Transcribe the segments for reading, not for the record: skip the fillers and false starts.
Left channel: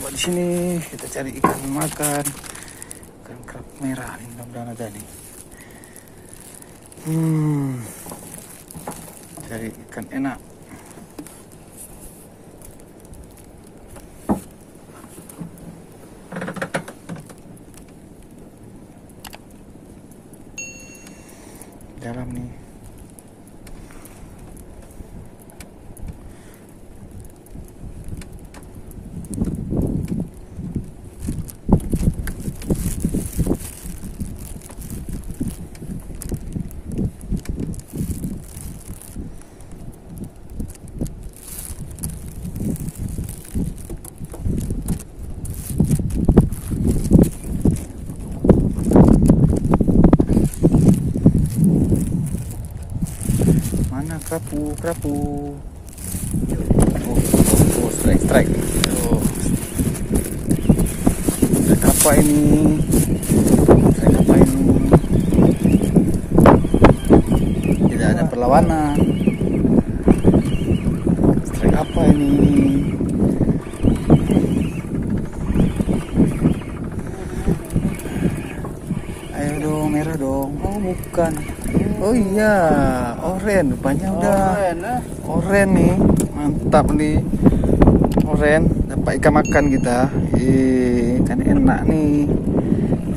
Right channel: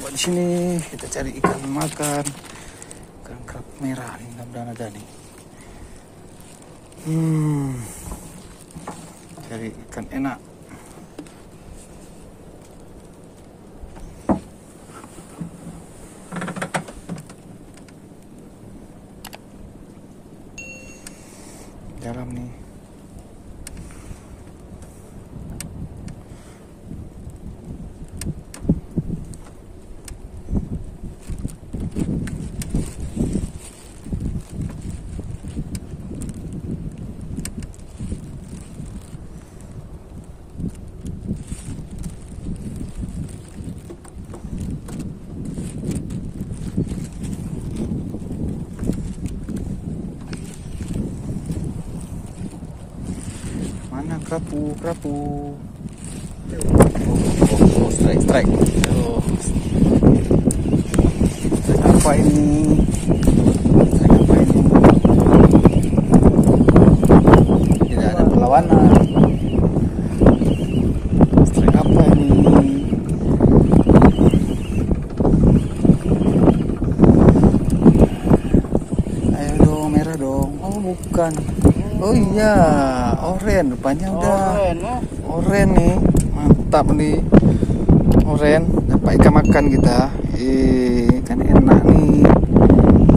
coba di sini kita cari ikan makan, ikan kerapu merah nih, mudah-mudahan ada nih. Cari ikan enak. Dalam nih. Mana kerapu? Oh, strike. Strike apa ini? Tidak ada perlawanan. Strike apa ini? Ayo dong, merah dong. Oh, bukan. Oh iya, oren rupanya udah. Oren nih, mantap nih. Oren, dapat ikan makan kita. Kan enak nih.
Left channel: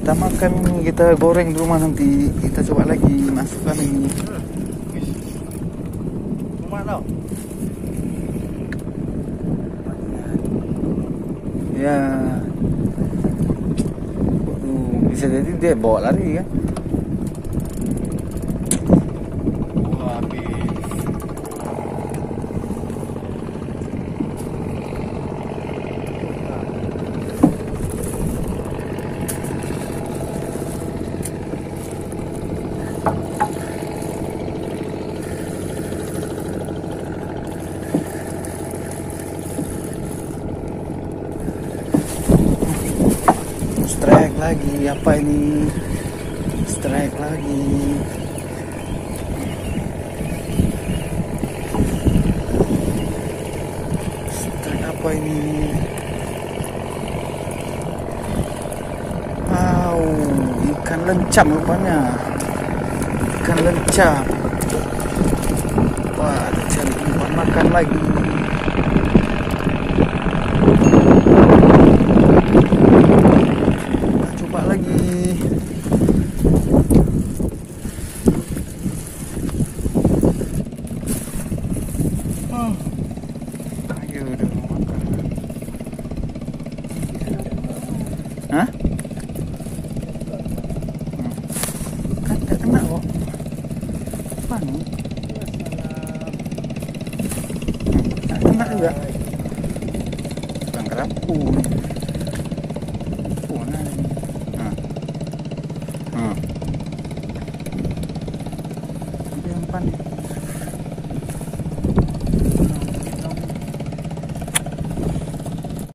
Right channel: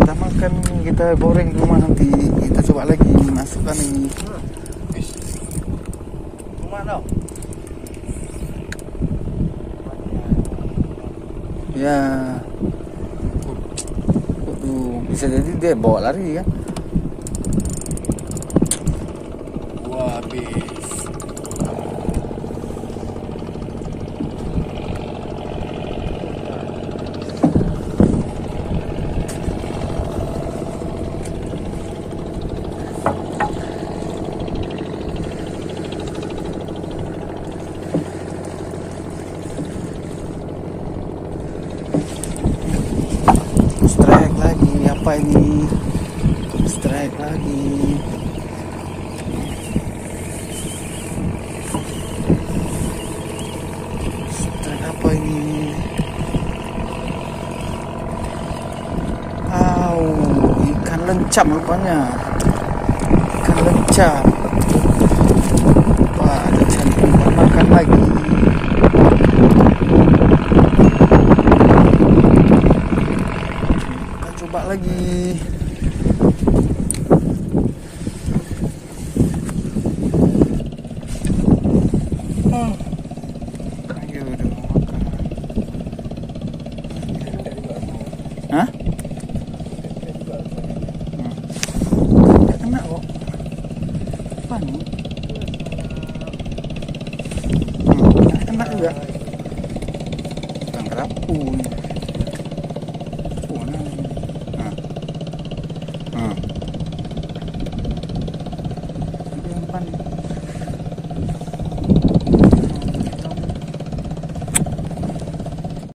Kita makan, kita goreng di rumah nanti. Kita coba lagi masukkan ini. Ya. Waduh, bisa jadi dia bawa lari kan? Strike lagi, apa ini? Strike lagi. Strike apa ini? Wow, ikan lencam rupanya. Ikan lencam. Wah, ada cari umpan makan lagi. Coba lagi. Ayo dong makan. Hah? Nggak kena kok. Apa nih? Nggak kena juga. Bang kerapu nih. Mana ini? Ini umpan nih.